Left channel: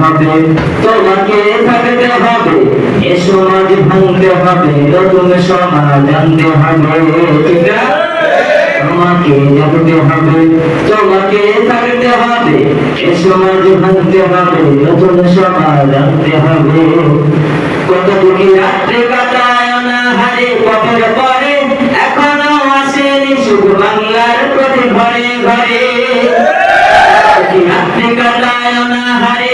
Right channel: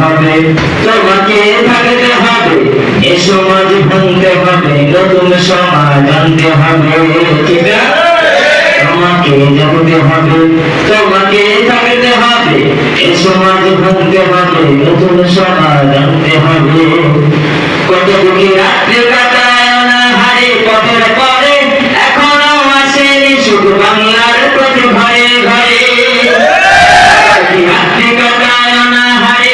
হবে, তোমাকে থাকতে হবে, এ সমাজ ভাঙতে হবে, নতুন সমাজ আনতে হবে তোমাকে জাগতে হবে, তোমাকে থাকতে হবে, এ সমাজ ভাঙতে হবে, নতুন সমাজ আনতে হবে। কত বুকে রাত্রে কাটায় অনাহারে, পথের পরে এখনও আসেনি শুধু বাংলার প্রতি ঘরে ঘরে। রাত্রে কাটায় অনাহারে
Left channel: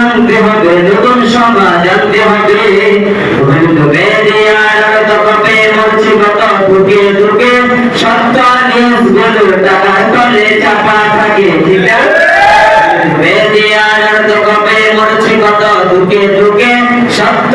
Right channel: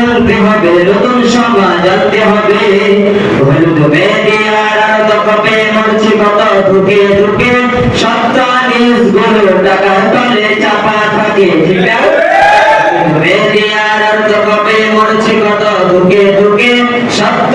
সমাজ হবে, নতুন সমাজ আনতে হবে। মরছি কত ঢুকে ঢুকে থাকে, ঠিক আছে বেদে আর মরছি কত ঢুকে ঢুকে সত্য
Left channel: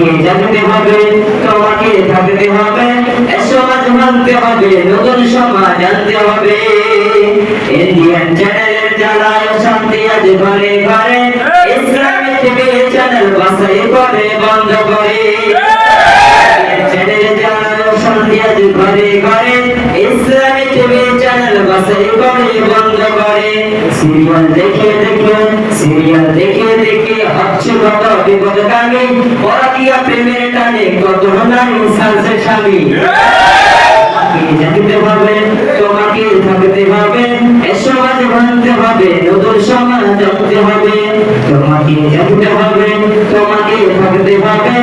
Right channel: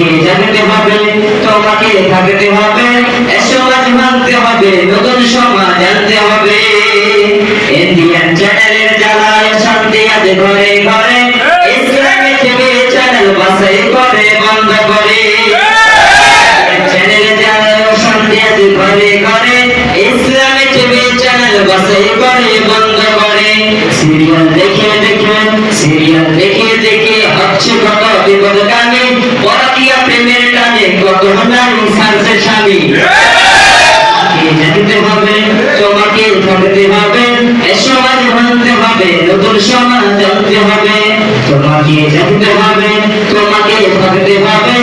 তোমাকে জানতে হবে তোমাকে থাকতে হবে সমাজ মানতে হবে নতুন সমাজ আনতে হবে। ইন্ডিয়ান চ্যানেলের জ্বালায় শান্তি আজ ঘরে ঘরে ইসলামিক টিভি চ্যানেল বাসাই করে বন্ধ করে। চ্যানেল জ্বালায় শান্তি আজ ঘরে ঘরে ইসলামিক টিভি চ্যানেল বাসাই করে বন্ধ করে। সিরিয়াল দেখে দেখে সায়েন্সের স্বামী। আপনি জানিতে হবে, তোমাকে উঠাতে হবে সমাজ ভাঙতে হবে, নতুন সমাজ জানতে হবে। তোমাকে জানতে হবে, তোমাকে উঠাতে হবে